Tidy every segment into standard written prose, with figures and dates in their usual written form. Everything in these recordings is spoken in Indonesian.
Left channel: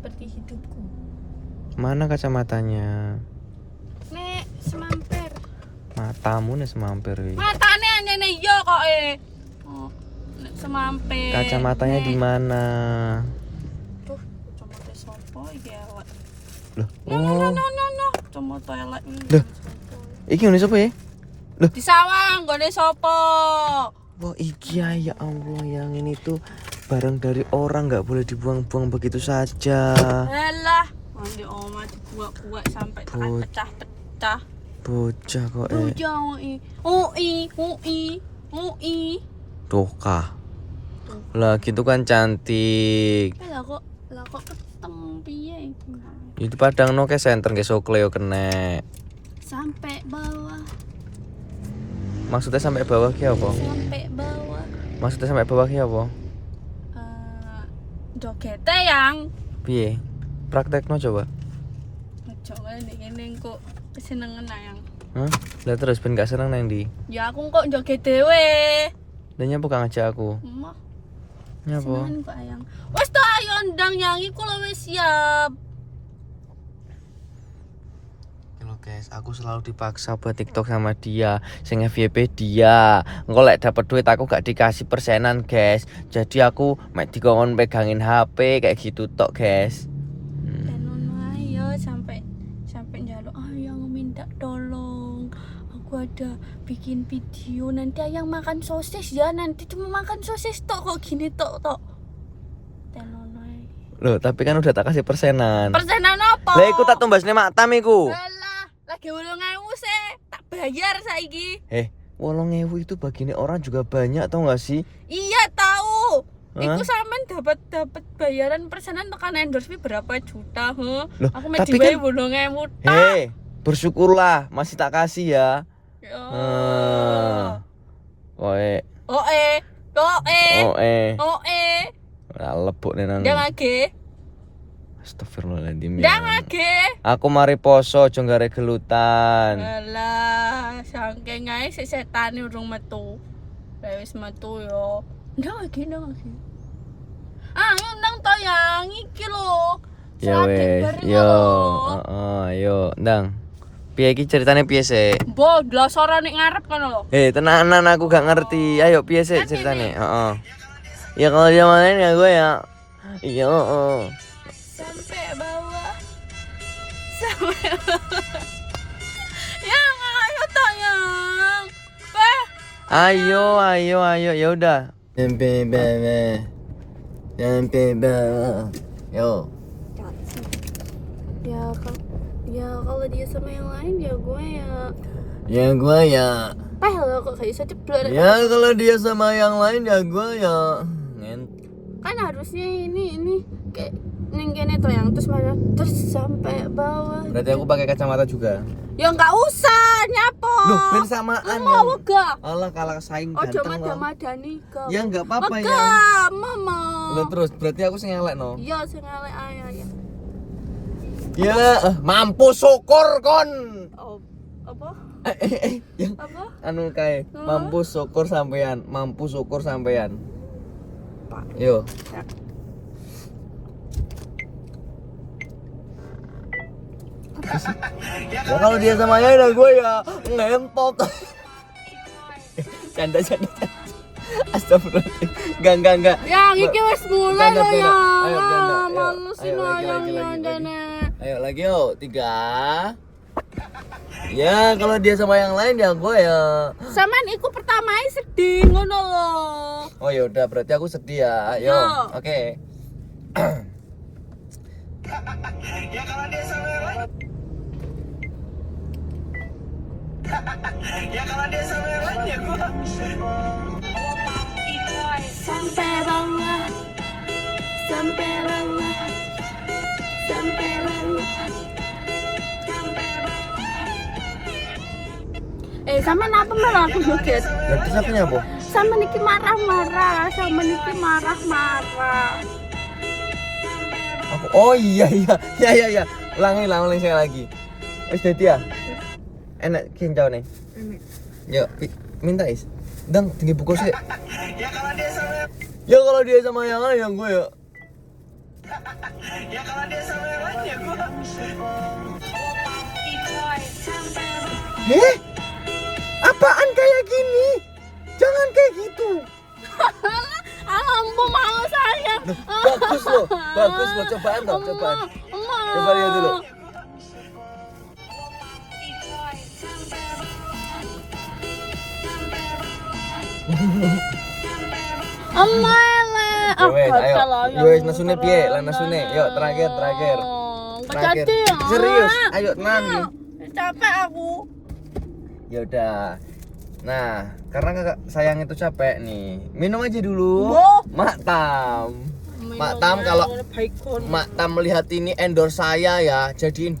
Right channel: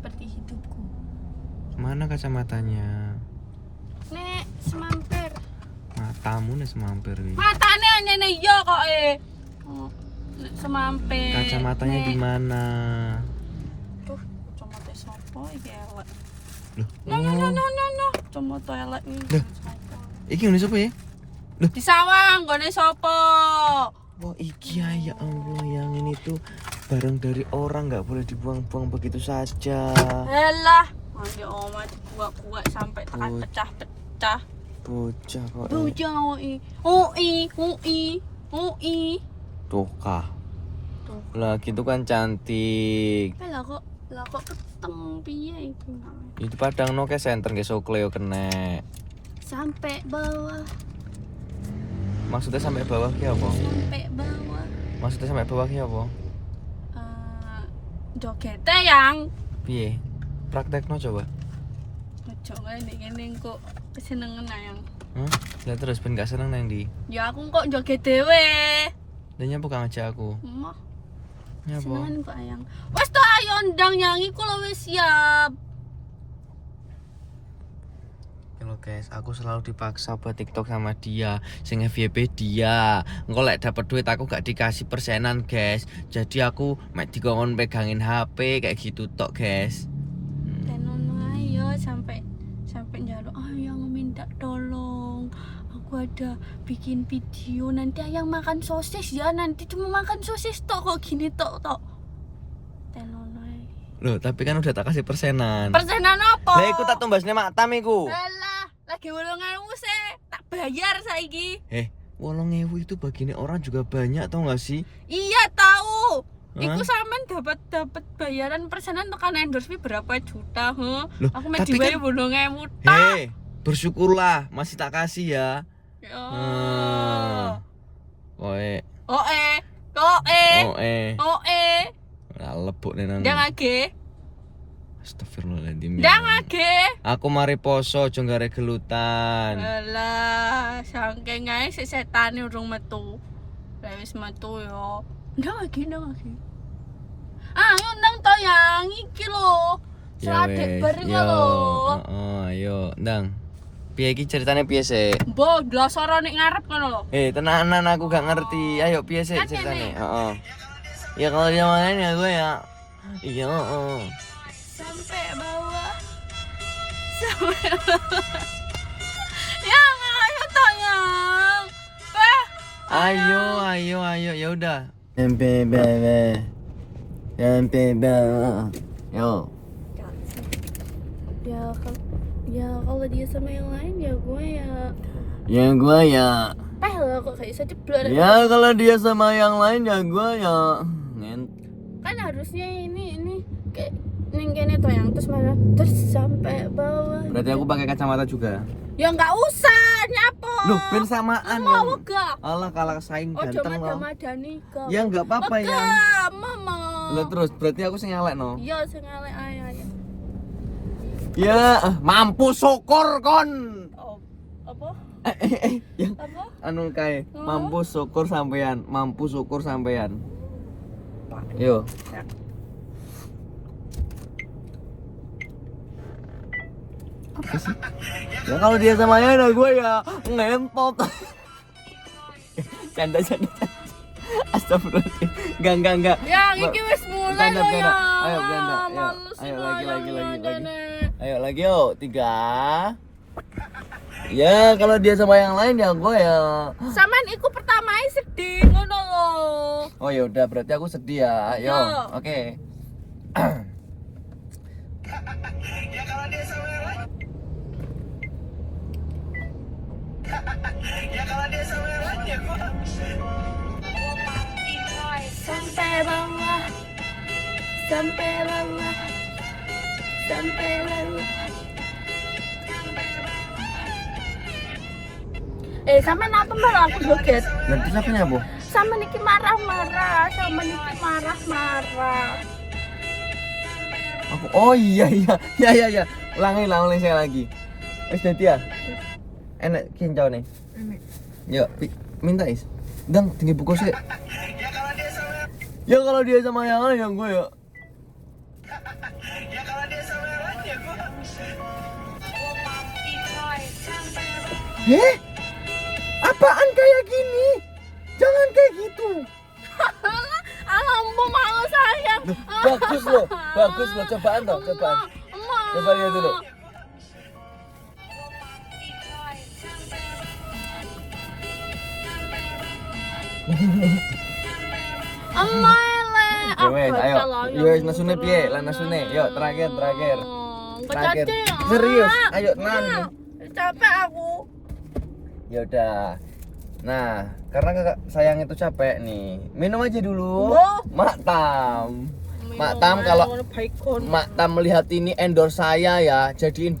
seperti hidupku. Mana kacamatanya? Nek semamper. Matamu nih semampir wi. Matane ngene yo kok Oh, nek semamper. Kacamatanya di mana? Tuh, kacamata sopo iki elek. Loh. No. Kacamata elek iki. Loh. Iki ngene sapa ya? Loh. Di sawang gone sopo? Oh iki ya Allah, yang ini tuh barang dari orang, nggak boleh dibuang-buang begitu saja. Alah, mandi oma dibuak-buak sampai tekan pecah-pecah. Bocah kok. Bocah ui. Tuh kah. Lah gitu kan cantik. Lah kok keteng piye iki? Itu padang no ke senter ke Sokleo kene. Sampai bawah. Maksudnya sampai bawah ya apa? Sampai bawah. Maksudnya sampai bawah ya apa? Jogete yang Piye? Praktekno coba. ojo ngene kok kesenengan ayang. Hah? Lah terus ben gak seneng nang ndi? Ya aku kok joget dhewe. Lah nyapa kang ngajak aku? Emah, Nyapa? senengan kok ayang. Wes ta ayo ndang yang iku lho wis siap. Halo guys, aku selalu dipaksa buat TikTok sama dia, sing FYP dia. Engko lek dapet duit aku gak dikasih persenan, guys. Jadi aku mek dikongkon pegangin HP kayak gitu tok, guys. Dan ono ayo sampai njaluk ayang minta tolong. Aku ada bikin video nanti ayang makan sosis ya, nanti cuma makan sosis tok kok gini tok. Dan ono ae. Loh, tapi kan udah tak kasih persenan. Persenan apa? Lah iku tak tumbasne maktam iku. Alah, lagi 8.000 sih, tak bayar saiki. 8.000 itu bagine orang juga banyak tau gak sih? Iya tahu. Hah? Iku sampean dapat bayaran persenan tekan endorse fee berapa juta, Loh, Aku mau tapi diwai kan- 8.000 tak. Bersyukurlah masih tak kasih ya. Ya. Koe. Oe. Ora lebok nenan. Ndang age. Astagfirullahaladzim. Ndang age. Aku mari poso aja gare gelutan. Alah, saking ae sik setane urung metu. Lah wis metu yo. Ndang age. Ayo ndang to yang iki lho. Ya Sadek wes. bareng Yo. lho. Ayo, ndang. Piye iki ceritane piye sih? Mbok glosoro nek ngarep kono lho. Tenanan aku gak ngerti. Ayo piye sih Kan ceritane? ini. Heeh. Ya kalau dia main ya gue ya. Iya, Sampai bawah. Yang ayo tayang. Ayo ya udah. Sampai bawah. Yo. Kalau dia sama yang lain ya gue ya. Ya gue ya. Lo kok kayak bisa ceblor. Ya kalau dia sama yang lain ya gue ya. Kan harusnya ini kayak neng kene tuh yang terus mana terus sampai bawah. Berarti aku pakai kacamata juga. Ya nggak usah nyapo. Loh, ben samaan Mau ya. gak? Alah kalah saing Oh ganteng cuma loh. madani kok. Ya enggak apa-apa ya. Enggak, mama. Lah terus berarti aku sing elek no. Iya, sing elek ae. Ya, mampu syukur kon. Oh, apa? Yang Apa? anu kae, mampu syukur sampean. Pak. Yo. Ya. Apa sih? Ya kalau dia sama ya gue ya ngentot. Canda. Astagfirullahaladzim. Enggak. Ya, iki wis mulai Bercanda, lho ya. Ayo bercanda. Ayo lagi. Ayo lagi yuk. 3. Ya kalau dia sama yang lain ya gue ya. Sampean iku pertama sedih ngono lho. Oh ya udah berarti aku sedih ya. Ayo. Yo. Oke. Sampai bawah. Sampean apa malah aku joget? Nanti siapanya bu? Sama Niki marah-marah. Aku. Oh iya. Ulangi saya lagi. Wes dadi ya. Enak kincau nih. Yuk, minta is. Dang, tinggi buku sih. Ya kalau dia sama yang lain yang gue ya. Ya kalau dia saweran ya gua. Apaan kayak gini? Jangan kayak gitu. Ampun malu sayang. Bagus loh, cobaan loh, cobaan. Coba lihat dulu. Emele. Ya wes, ayo. Ya wes nasune piye? Lah nasune. Yuk terakhir. Terakhir. Serius. Ayo tenang. Capek aku. Ya udah. Nah, karena kakak sayang itu capek nih. Minum aja dulu. Mak Tam. Mak Tam kalau Mak Tam melihat ini endorse saya ya, jadiin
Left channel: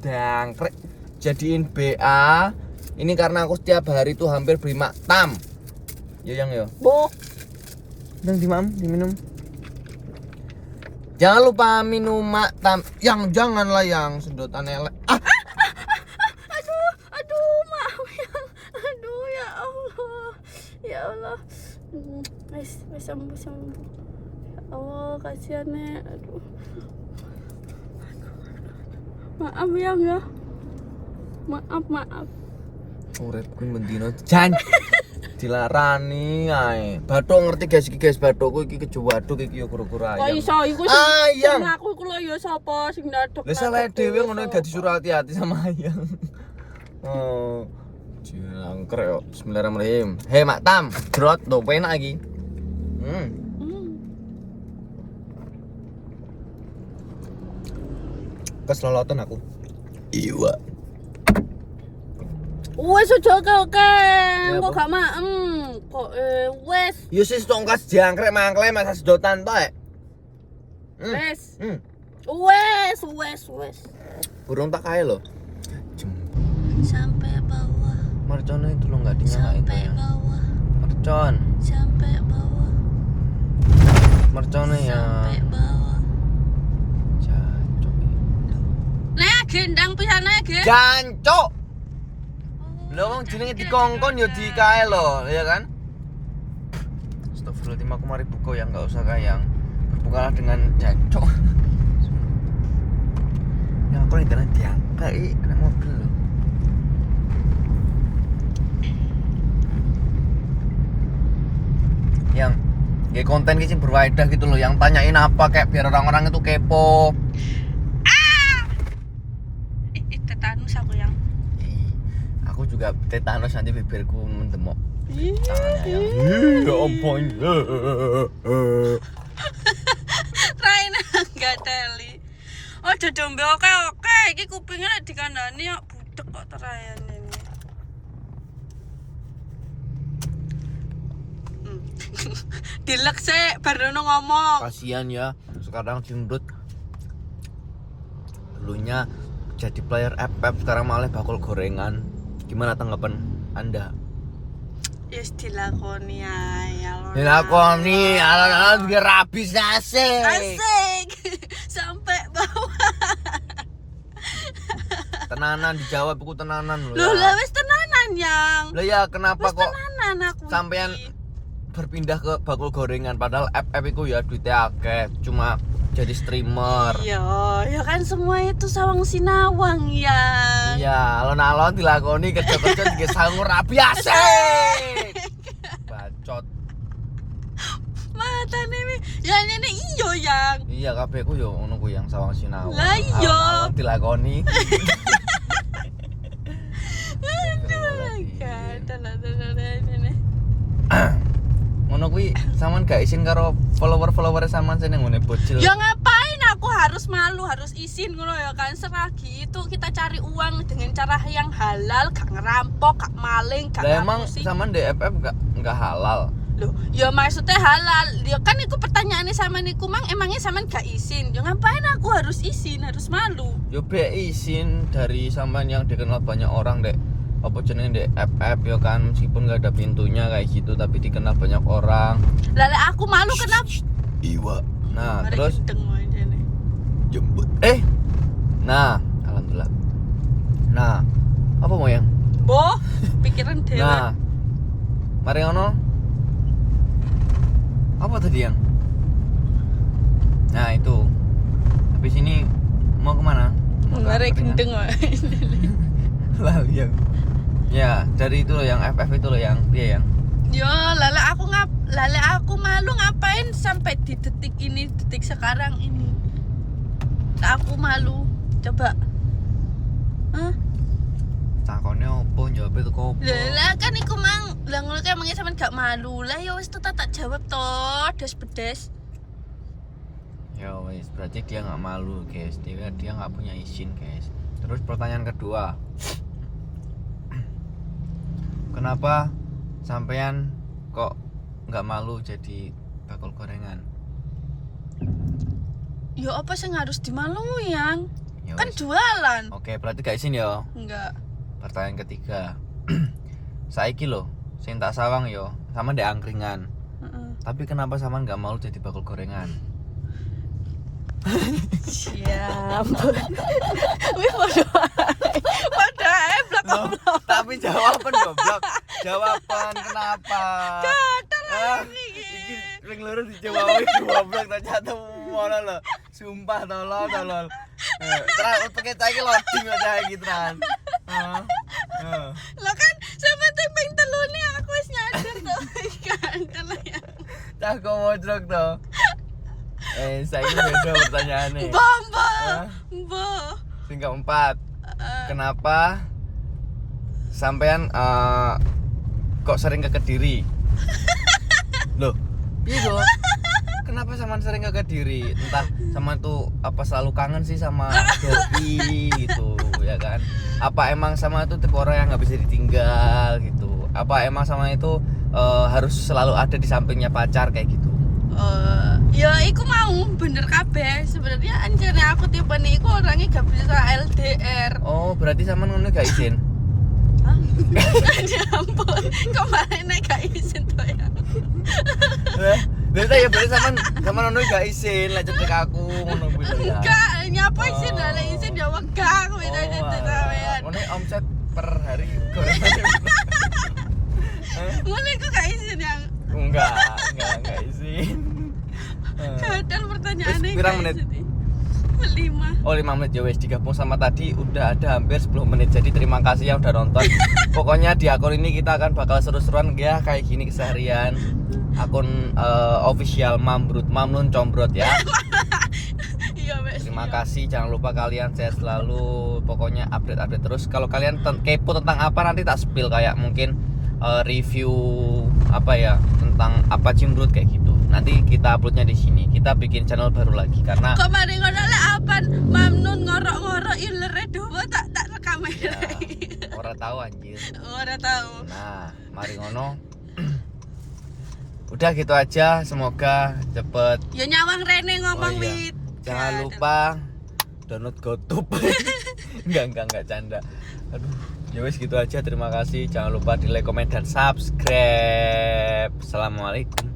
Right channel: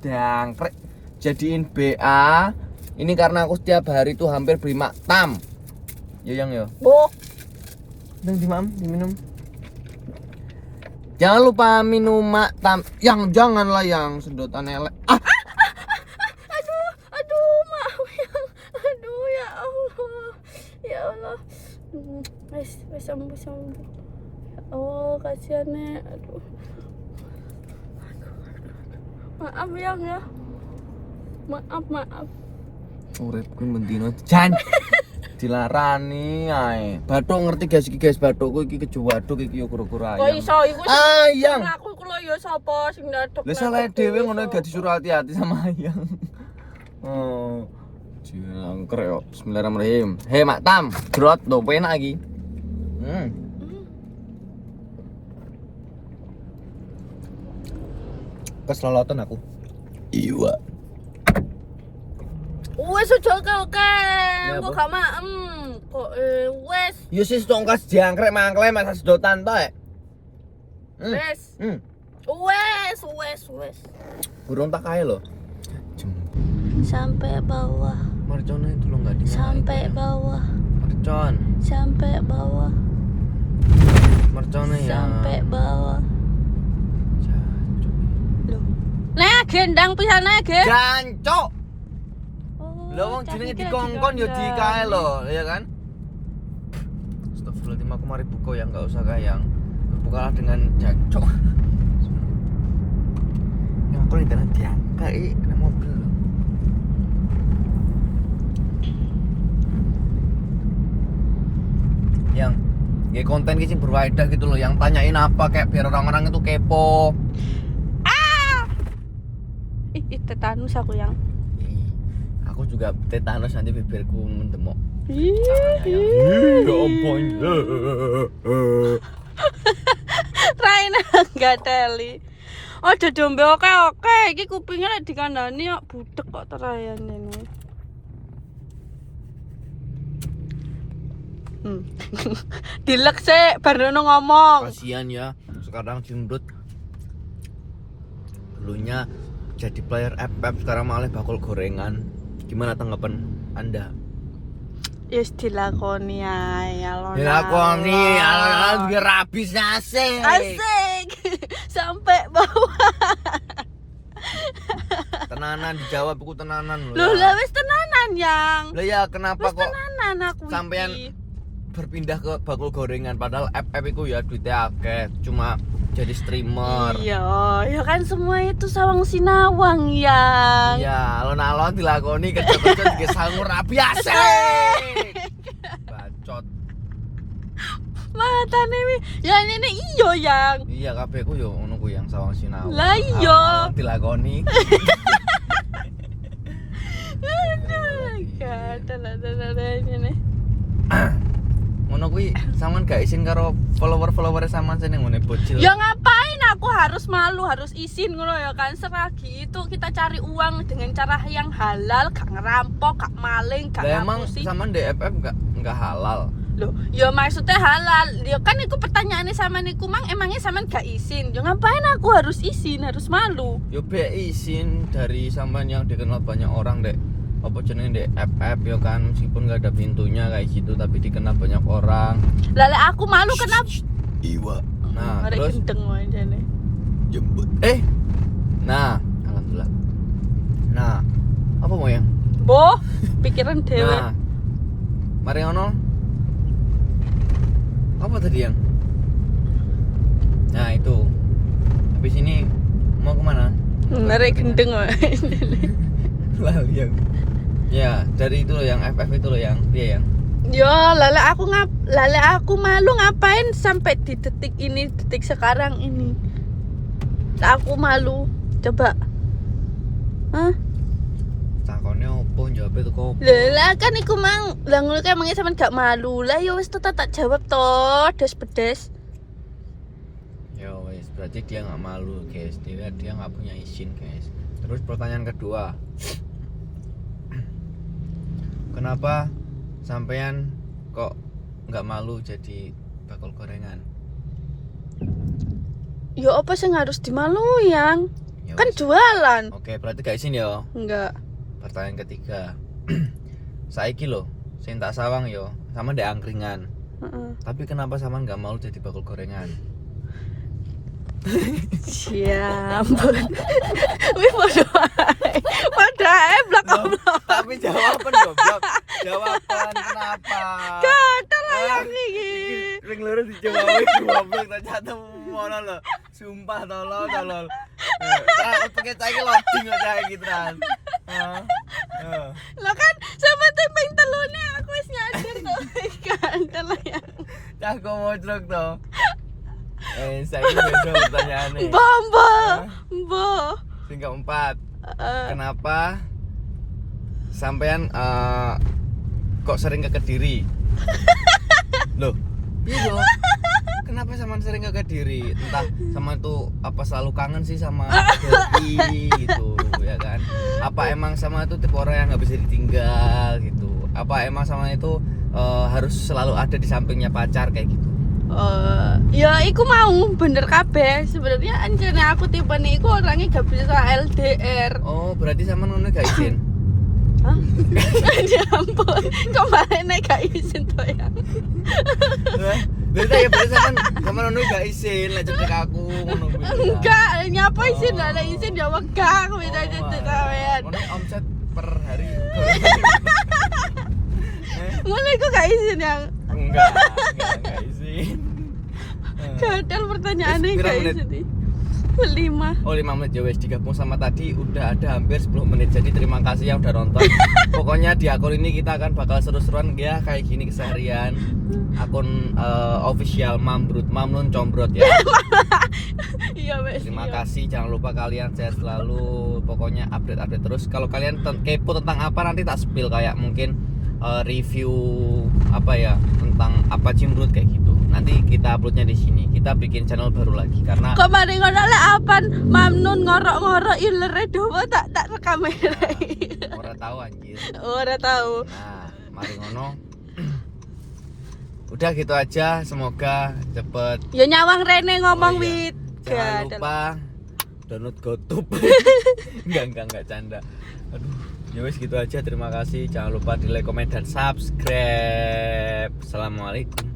dangkrek. Jadiin BA. Ini karena aku setiap hari tuh hampir beli Mak Tam. Yo yang yo. Dan diminum. Jangan lupa minum Mak Tam. Yang janganlah yang sedotan elek. Aduh, maaf yang. Aduh ya Allah. Ya Allah. Wes sembuh. Oh, kasihan Nek. Aduh. Maaf yang ya. Maaf. Uripku mendino jan. Dilarani ae. Bathuk ngerti guys, bathukku iki kejuwaduk iki yo kura-kura ayam. Kok iso iku ayam. Aku iku lho ya sapa sing ndadek. Lah salah dhewe ngono gak disuruh hati-hati sama ayam. Oh. Jangkrik yo. Bismillahirrahmanirrahim. Hei Mak Tam, drot lho penak iki. Keselolotan aku. Iya. Wes oke. Kok gak maem. Kok wes. Ya sis tongkas jangkrik mangkle masa sedotan to, Wes. Wes. Burung tak kae lho. Sampai bawah. Mercone itu lo enggak dinyalain. Sampai bawah. Mercon. Sampai bawah. Mercone ya. Sampai bawah. Jancuk. Nah, gendang pisane, Ge. Jancuk. Lho wong jenenge dikongkon ya di kae lho, ya kan? Astagfirullahaladzim, aku mari buka yang enggak usah kayang. Berbukalah dengan jancuk. Yang aku nih karena diangkat kena mobil lho. Yang kayak konten gitu berfaedah gitu loh, yang tanyain apa kayak biar orang-orang itu kepo. Tetanus aku yang. Aku juga tetanus nanti bibirku mendemok. Ya ampun. Raina enggak teli. Oh, dombe oke. Iki kupingnya lek dikandani kok budek kok terayan ini. Dilek sih, baru ngomong. Kasihan ya, sekarang jundut. Dulunya jadi player FF, sekarang malah bakul gorengan. Gimana tanggapan Anda? Yes, dilakoni ae alon. Dilakoni, alon-alon biar rabis asik. Sampai bawah. Tenanan dijawab, aku tenanan loh. Loh, lah wis tenanan yang. Lah ya kenapa Wis kok tenanan aku sampean iki. berpindah ke bakul gorengan padahal FF itu ya duitnya akeh, cuma jadi streamer. Iya, ya kan semua itu sawang sinawang yang. Iya, alon-alon dilakoni kerja-kerja juga sangur rabi asik. Bacot. Matane wi. Ya ini iyo yang. Iya, kabeh ku yo ngono ku yang sawang sinawang. Lah iya. Alon-alon dilakoni. Gak ada ini. Ngono kuwi sampean gak izin karo follower-follower sampean sing ngene bocil. Ya ngapain aku harus malu, harus izin ngono ya kan. Selagi itu kita cari uang dengan cara yang halal, gak ngerampok, gak maling, gak Lah emang ngapusi. sampean DFF enggak halal. Loh, ya maksudnya halal. Ya kan itu pertanyaannya sama niku mang emangnya sampean gak izin. Ya ngapain aku harus izin, harus malu. Yo be izin dari sampean yang dikenal banyak orang, Dek. Apa jenenge FF ya kan, meskipun gak ada pintunya kayak gitu tapi dikenal banyak orang. Lah aku malu kenapa? Iwa. Nah, Ada terus gendeng wae jane. jemput. Nah, alhamdulillah. Nah, apa mau yang? Boh, pikiran dewe. Nah, mari ngono. Apa tadi yang? Nah, itu. habis ini mau kemana? Mau ke Ngerek angkringan? gendeng wes. Lah yang ya dari itu loh yang FF itu loh yang dia yang Yo, lala aku malu ngapain sampai di detik ini, detik sekarang ini. Aku malu. Coba. Hah? takonnya opo jawab itu kok Lah kan iku mang, lah ngono kae mangi sampean gak malu. Lah ya wis tuh tak jawab toh, des-pedes. ya wes berarti dia nggak malu guys, dia nggak punya izin guys. Terus pertanyaan kedua, kenapa sampean kok nggak malu jadi bakul gorengan? Ya apa sih harus dimalu yang? Ya Kan wes. jualan. Oke berarti gak izin ya. Enggak. Pertanyaan ketiga, saiki lo sing tak sawang yo sama ndek angkringan, Heeh. tapi kenapa sama nggak malu jadi bakul gorengan? Siap. Wih padahal belakang. Tapi jawaban goblok. Jawaban kenapa? Iki. Ring lurus dijawab goblok tak jatuh mono lho. Sumpah tolol. Terus pakai cai loading kok kayak gitu kan. Lah kan sama tepeng telurnya aku wis nyadar tuh. Kan kalau yang Tak kok wojrok to. Saya beda pertanyaannya. Mbak. Sing keempat. Kenapa sampean kok sering ke Kediri? Loh, iya loh. Kenapa sampean sering ke Kediri? Entah sama itu apa selalu kangen sih sama Doi gitu, ya kan? Apa emang sama itu tipe orang yang nggak bisa ditinggal gitu? Apa emang sama itu harus selalu ada di sampingnya pacar kayak gitu? Ya iku mau bener kabeh. Sebenarnya anjene aku tipe nih iku orangnya gak bisa LDR. Oh, berarti sama ngono gak izin? Hah? Ya ampun. Kok malah nek gak izin to ya. Lha ya berarti sama ngono gak izin lek cedek aku ngono kuwi. Enggak, nyapa izin lah izin ya wegah kuwi Oh, cedek kawean. ngono omset per hari gorengan. Ngono iku gak izin ya. Enggak izin. Gatel pertanyaannya. Wis, pirang gak menit? izin. 5. Oh 5 menit ya wes digabung sama tadi udah ada hampir 10 menit. Jadi terima kasih yang udah nonton. Pokoknya di akun ini kita akan bakal seru-seruan ya kayak gini keseharian. Akun official Mamnun Combrot ya. Iya wes. Terima kasih, jangan lupa kalian sehat selalu. Pokoknya update terus. Kalau kalian kepo tentang apa nanti tak spill kayak mungkin review apa ya tentang apa cimbrut kayak gitu. Nanti kita uploadnya di sini. Kita bikin channel baru lagi karena Kok mari ngono lek apan Mamnun ngorok-ngorok ilere dawa tak rekam. orang tahu anjir. Ora tahu. Nah, mari ngono. Udah gitu aja, semoga cepet. Ya nyawang Rene ngomong Oh, iya. wit. Jangan lupa download GoTube. enggak canda. Aduh, ya wes gitu aja. Terima kasih. Jangan lupa di like, komen dan subscribe. Assalamualaikum.